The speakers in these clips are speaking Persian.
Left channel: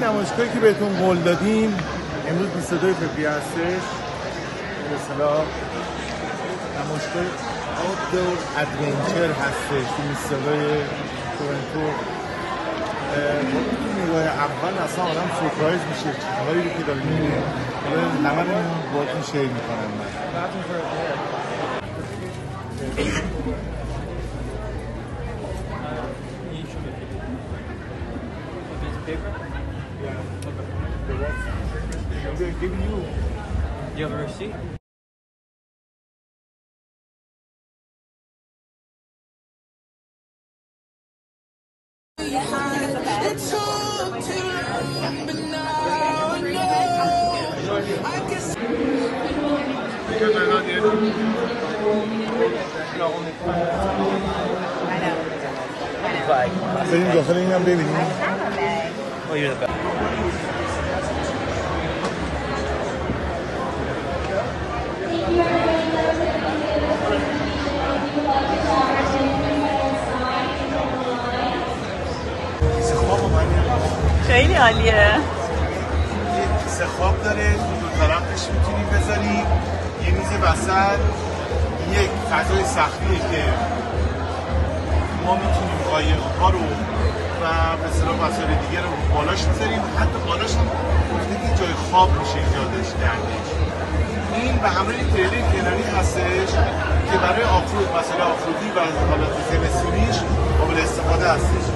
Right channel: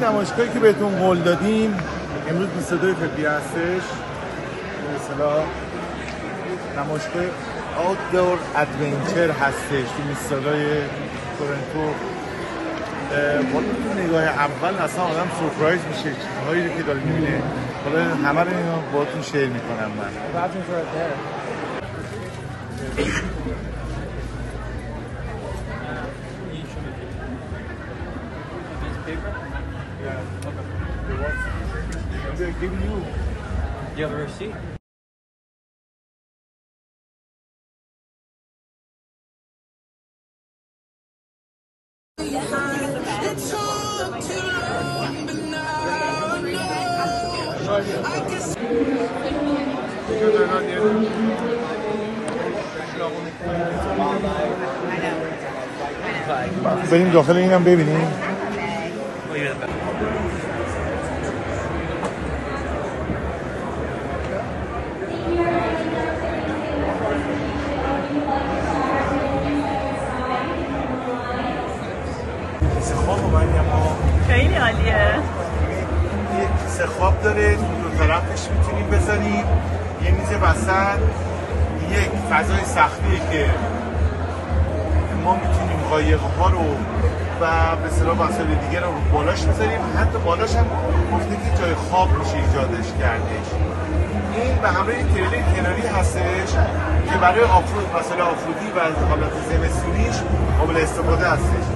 همون نمایشگاهی که بهتون قول دادیم امروز 22 فوریه هستش. به اصطلاح نمایشگاه آوتدور ادونچر هستش تو موسیقای تورنتو. با تو نگاه اول اصلا آدم سورپرایز میشه چیزهایی که داره میبینه. حالا همه رو اینو باهاتون شیر میکنم من. You have a receipt? بریم داخل اینم ببینیم. خیلی عالیه. یه سه خواب داره، دو طرفش میتونیم بذاریم یه میز وسط، یک فضای سختیه که ما میتونیم قایق‌ها رو و به اصطلاح وسایل دیگه رو بالاش بذاریم. حتی بالاش هم گفته که جای خواب میشه ایجادش کردش. این به همراه تریل کناری هستش که برای آفرود مثلا آفرودی و از حالت زمستونیش قابل استفاده هستش.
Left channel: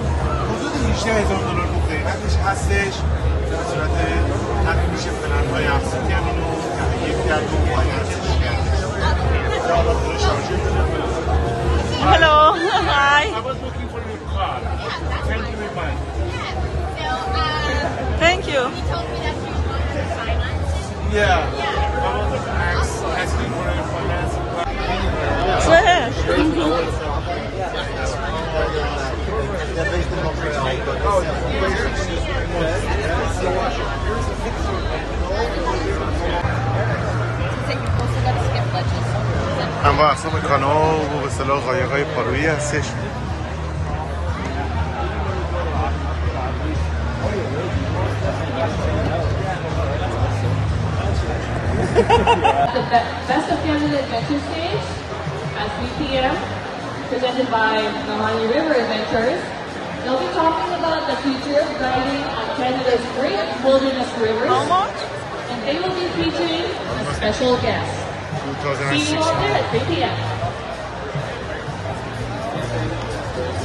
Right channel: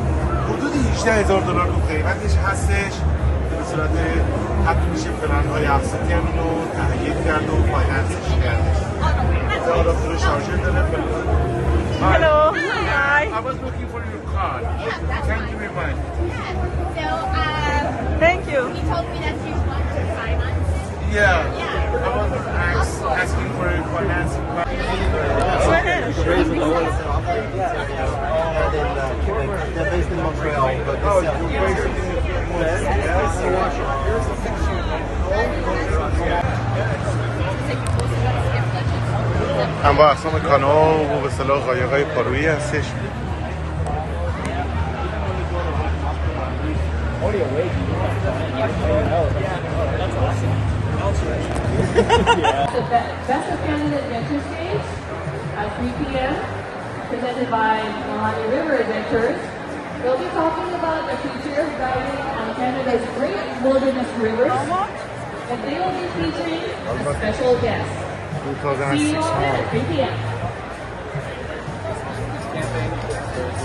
حدود $18,000 تو قیمتش هستش که به صورت حق میشه پلن‌های اقساطی هم اینو تهیه کرد و فایننسش کردش. یه آداپتور شارژر داره. Hello. Hi. I was looking for your car. Can you be mine? Thank you. He told me that you wanted to finance it. Yeah. I was asking for a financing plan. هم با اصنام کانو و به اصطلاح قایق‌های پارویی هستش. The Best of Canada Adventure Stage at 3 p.m. presented by the Harley River Adventures. They'll be talking about the future of driving on Canada's great wilderness rivers. How much? And they will be featuring a special guest. See you all at 3 p.m.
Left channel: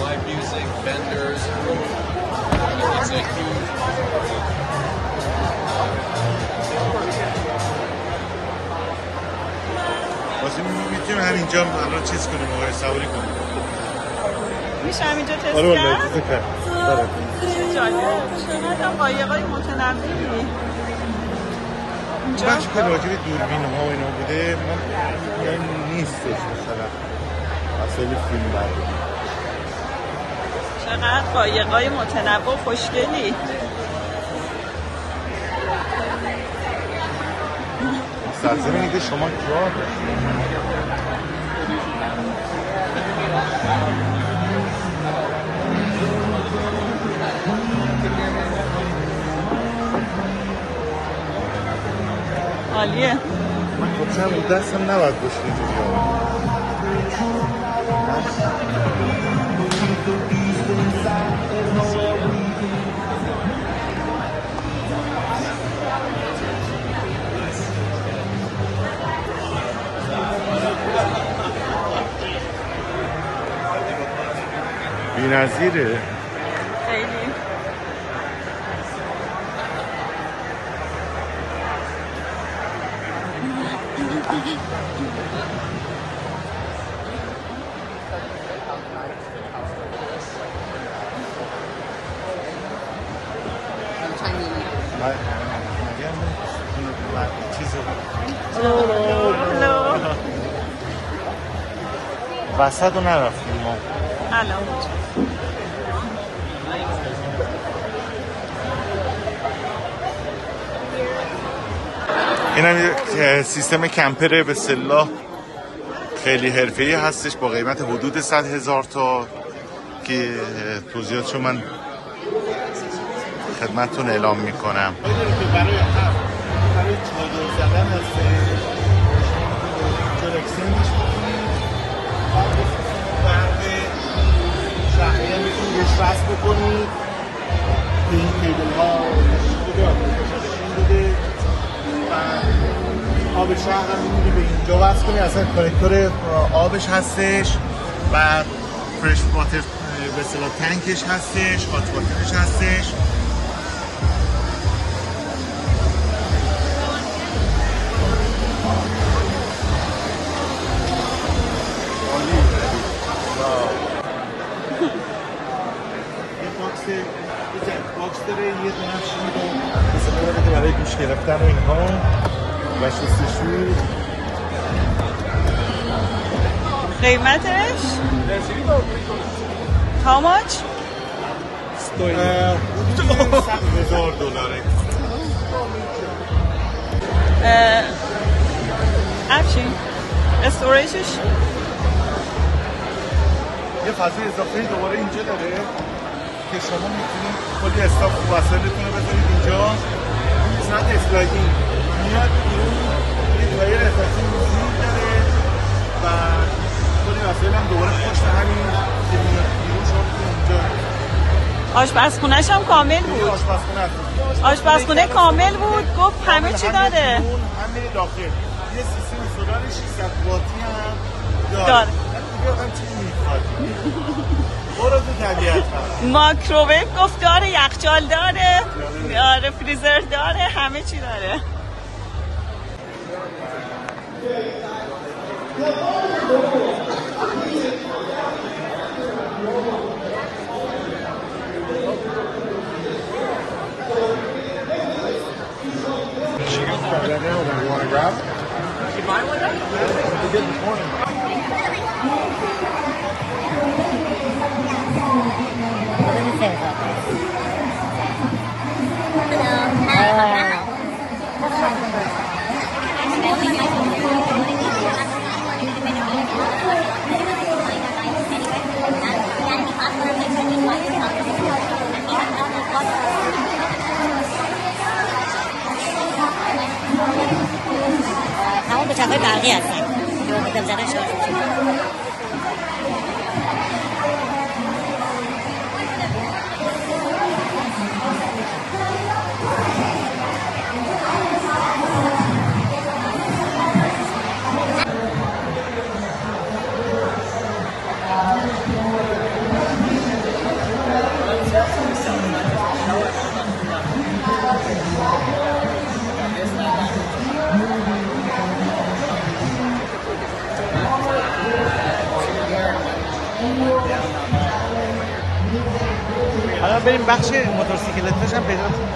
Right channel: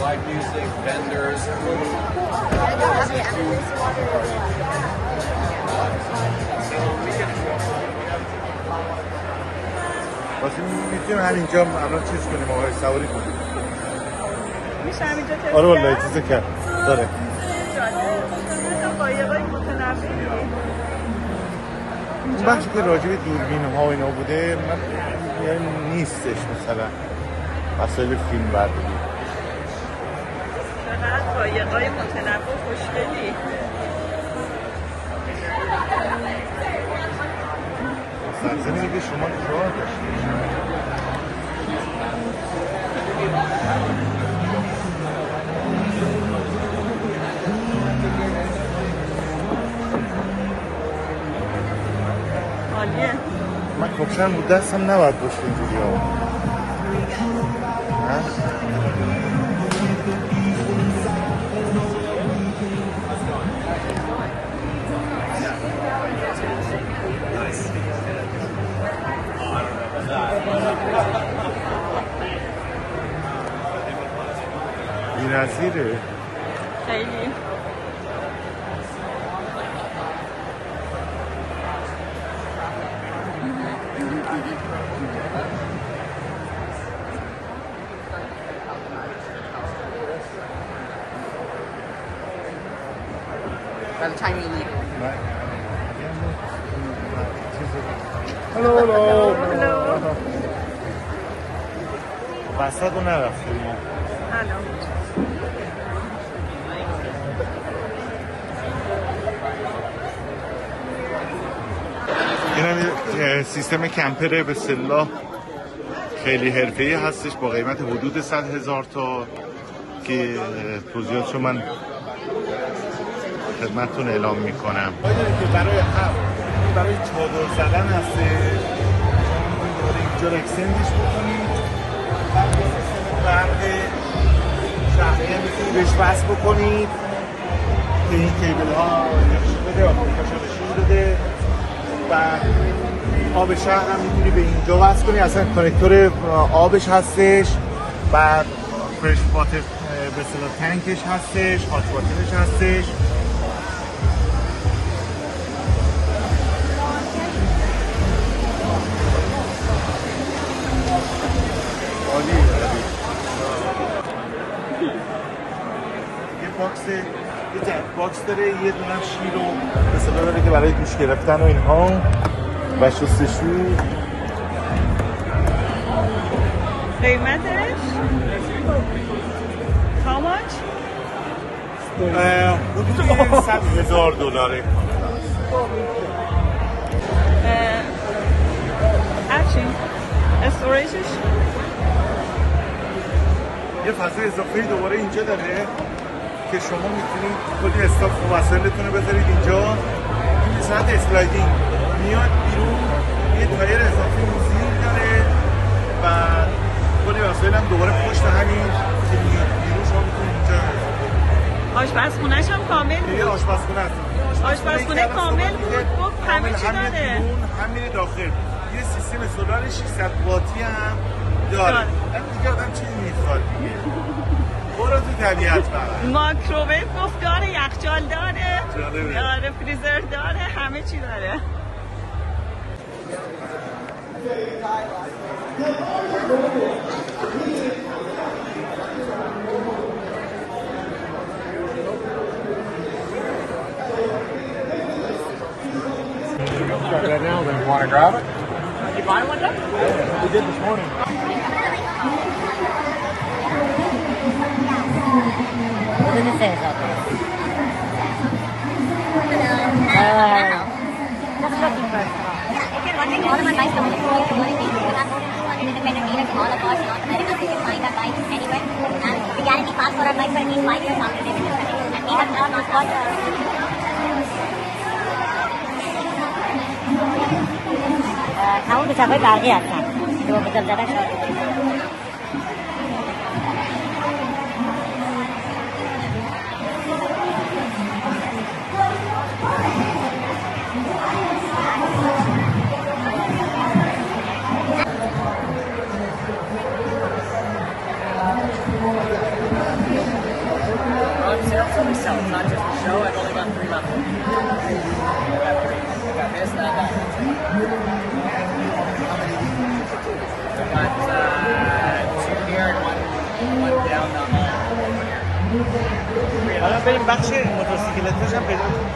Live music, vendors. میتونیم همینجا الان چیز کنیم آقای سواری کنیم. میشه همینجا تست آره کرد؟ چیزی کرد. داره. جالب. شما قایقای متنوعی اینجا بچه که راجع به دوربین ها و اینا بوده من نیستش مثلا وسایل فیلم برداری. چقدر قایقای متنوع خوشگلی. سبزه میگه شما کجا عالیه. خب چند دست هم نباید باشه اینجوری بی‌نظیره. خیلی. وسط رو نرفتیم الان این هم سیستم کمپره به اصطلاح خیلی حرفه‌ای هستش با قیمت حدود 100,000 تا که توضیحاتشو من خدمتتون اعلام میکنم. که برای چادر زدن هستش، اینجا اکسندش بکنید، برق شهریه میتونید بهش وصل بکنید، به این کیبل ها نشون بده، آتوریکاشا نشون بده و آب شهر هم میتونی به اینجا وصل کنی. اصلا کانکتور آبش هستش و فرش واتر وسیله تانکش هستش، هات واترش هستش. عالی. یه باکس، یه جک باکس داره، یه دونم شیر رو مثلا داره که برای دوش گرفتن و اینها و شستشو. قیمتش؟ How much? حدود $100,000. افشین استوریجش؟ یه فضای اضافه‌ای دوباره اینجا داره که شما میتونید کلی اسکاف وسایلتون رو بذارید اینجا. صورت اسلایدینگ میاد بیرون، یه تایر اضافی موزیک داره و کلی وسایل هم دوباره پشت همین که میاد بیرون شما میتونید اینجا. آشپزخونه‌ش هم کامل بود. آشپزخونه کامل بود، گفت همه چی داره. هم میره داخل. یه سیستم سولار 600 واتی هم داره. دیگه هم چیزی میخواد. برو تو طبیعت فقط. مایکروویو گفت داره، یخچال داره، داره فریزر داره، همه چی داره. تمام کوچه‌های برقی هستن که با بدل زدن شارژ میشه. بریم بخش موتورسیکلتش هم پیدا کنیم.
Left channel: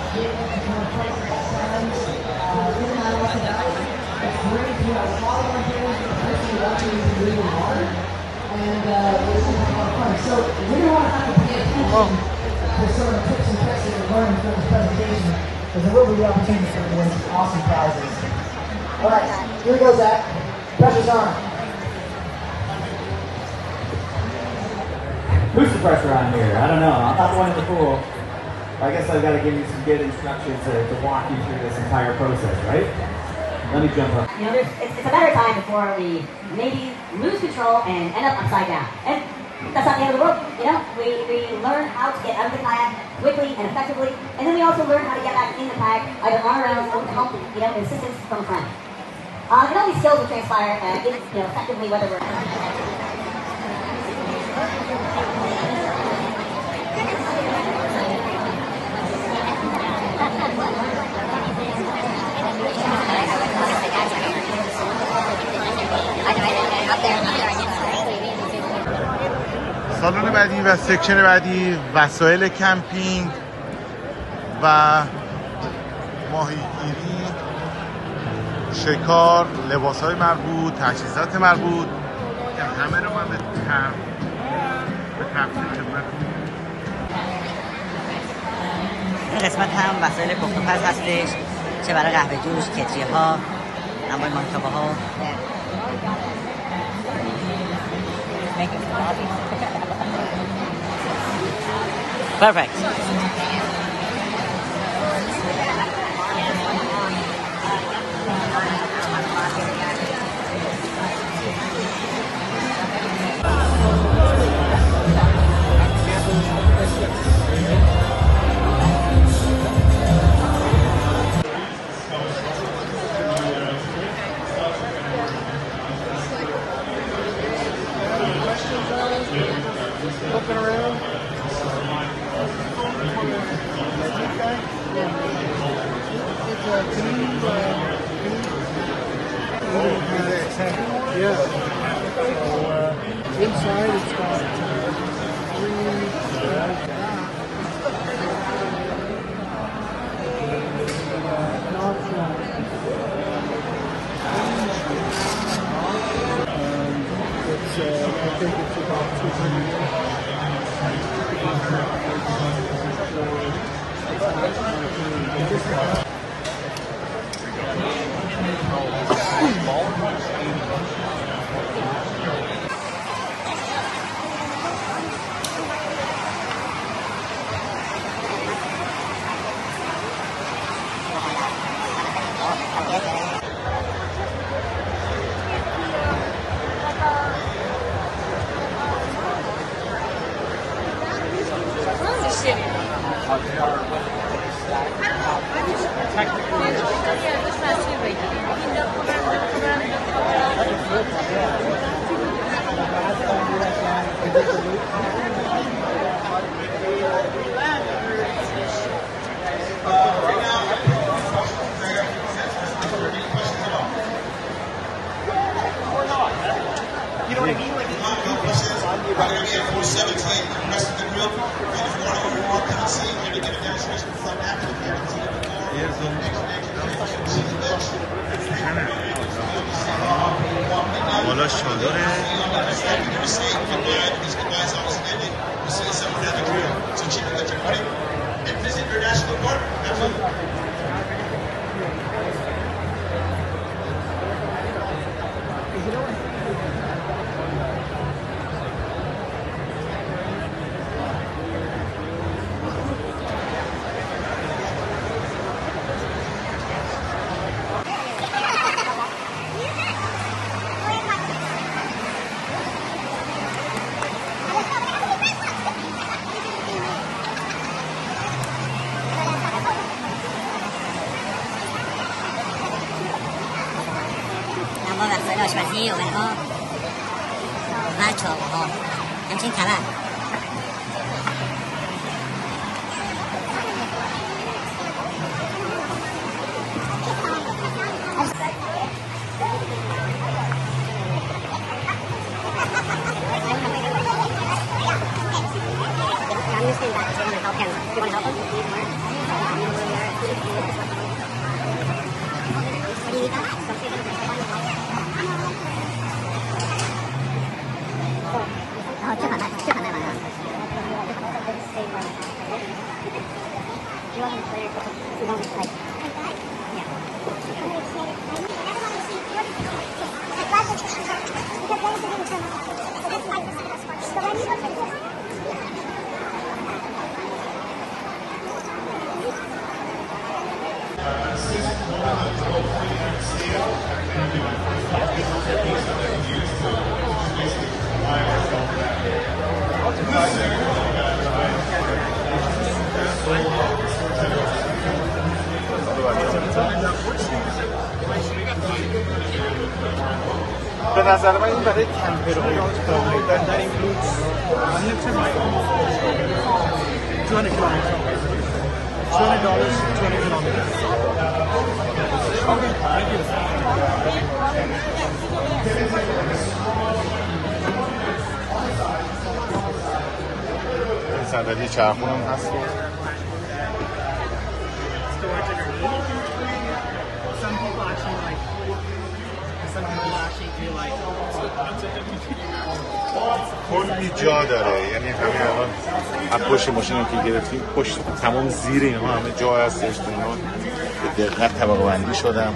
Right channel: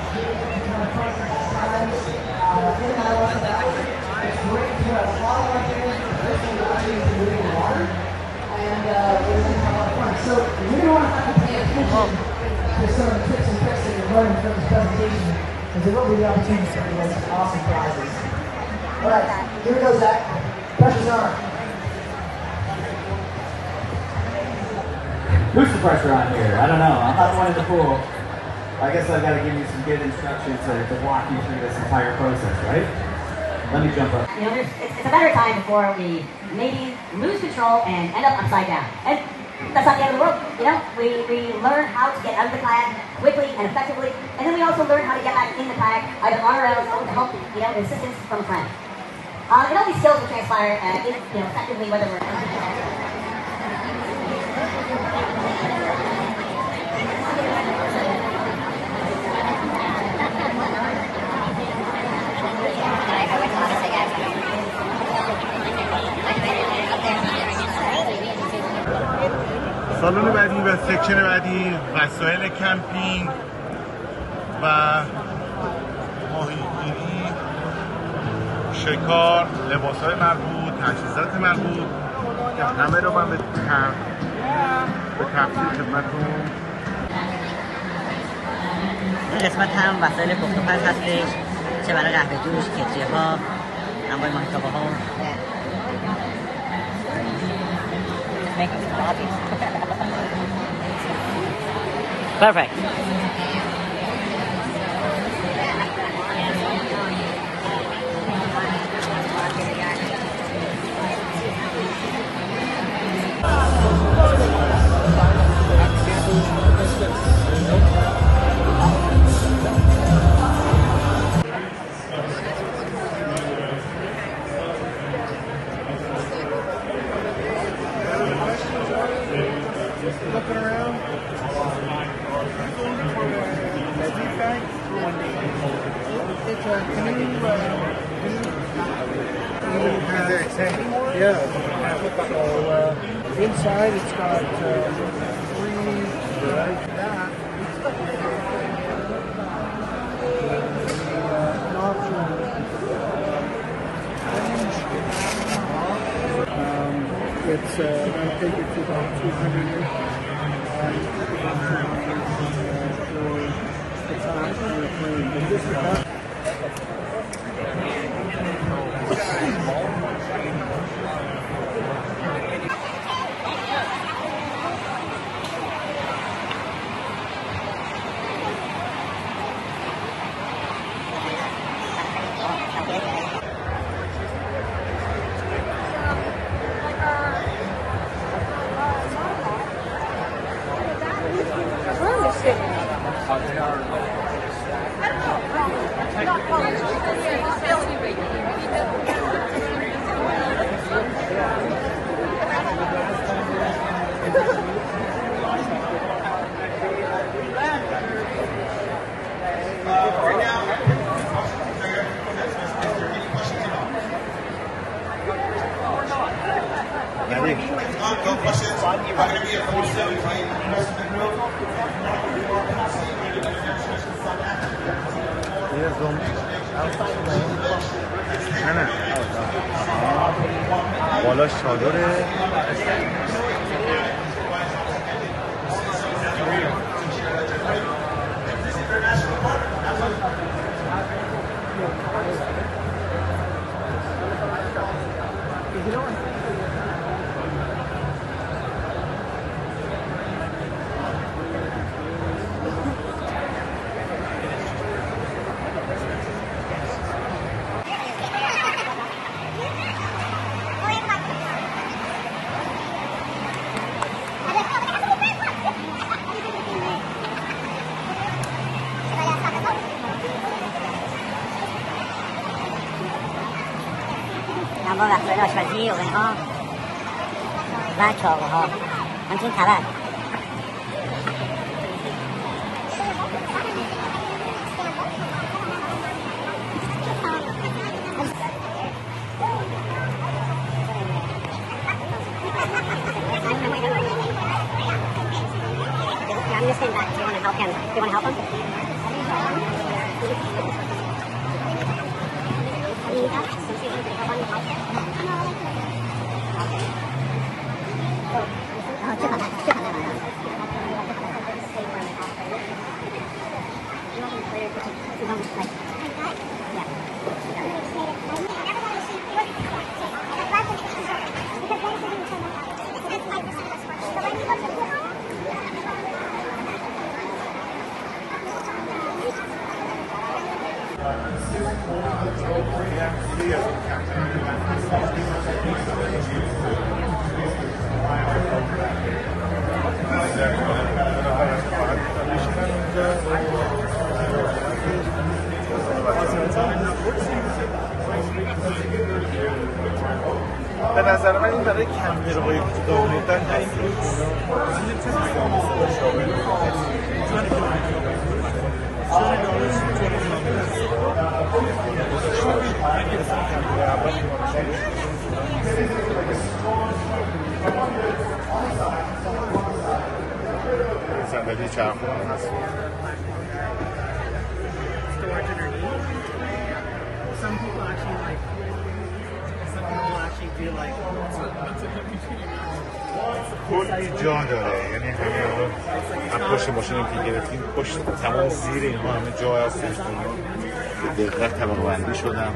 So we don't want to have to pay attention to some of the tips and tricks that we're learning from this presentation, because there will be the opportunity to win some awesome prizes. All right, here we go, Zach. Pressure's on. Who's the pressure around here? I don't know. I'm not one in the pool. I guess I've got to give you some good instructions to walk you through this entire process, right? Let me jump up. You know, it's a matter of time before we maybe lose control and end up upside down. And that's not the end of the world. You know, we learn how to get out of the kayak quickly and effectively, and then we also learn how to get back in the kayak either on our own or with help, you know, and assistance from a friend. And all these skills will transpire, you know, effectively whether we're سالن بعدی و سکشن بعدی وسایل کمپینگ و ماهیگیری، شکار، لباس‌های مربوط، تجهیزات مربوط که همه رو من به تفصیل خدمتتون. این قسمت هم وسایل پخت و پز هستش، چه برای قهوه جوش، کتریه ها، انواع ماهیتابه ها. Perfect. Yeah. So inside it's got 3 like that. An optional it's I think it's about 200. بالا چادره با وسایل آشپزی اوون‌ها و چاقوها همچنین تبر به نظر من این برای کمپرهای کوتاه مدت هست. صندلی چرخون هست. کلی جا داره، یعنی همین الان از پشت ماشین که گرفتیم پشت تمام زیر این همه جا هستش، به دقت طبقه بندی شدن.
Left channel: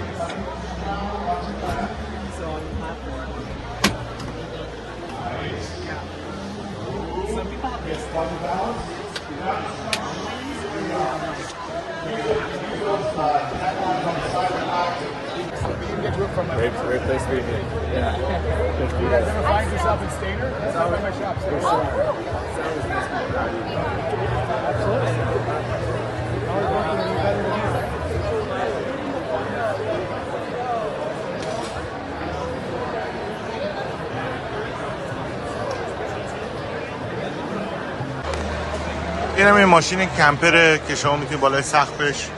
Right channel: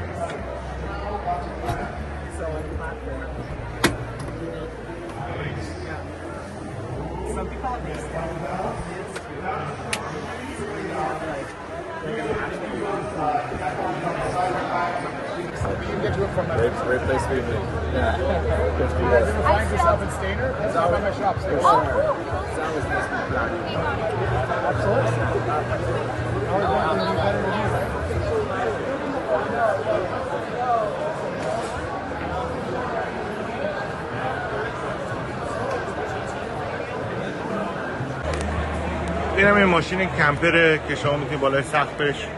Great place to be. Yeah. You guys ever find yourself in Stainer? That's not by my shop. این هم یه ماشین کمپره که شما میتونید بالای سقفش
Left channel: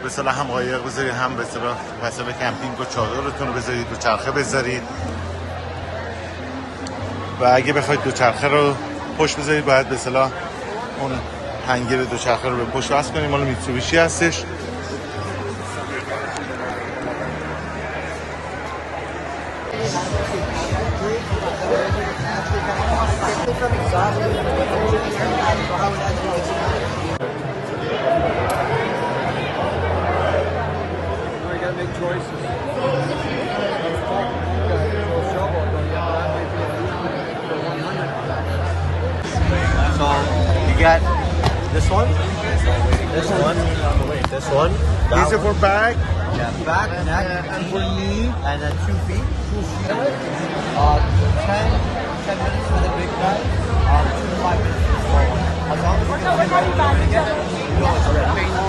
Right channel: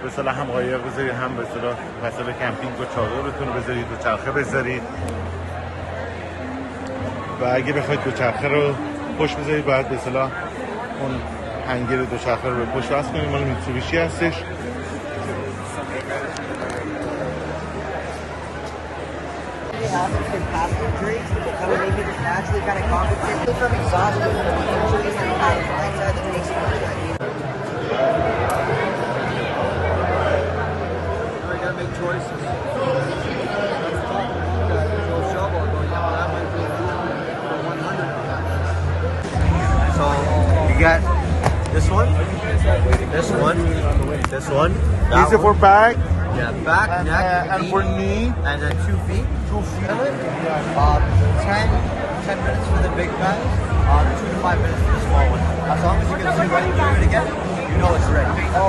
به اصطلاح هم قایق بذارید، هم به اصطلاح وسایل کمپینگ و چادرتون بذارید، دوچرخه بذارید. و اگه بخواید دوچرخه رو پشت بذارید باید به اصطلاح اون هنگر دوچرخه رو به پشت وصل کنید. مال میتسوبیشی هستش. Got this one, this one, this one. This is for back, Yeah, back, neck, and for knee. and then 2 feet. 2 feet. 10 minutes for the big guys. 2 to 5 minutes for the small one. As long as you get 2 right again, you know it's ready. Oh,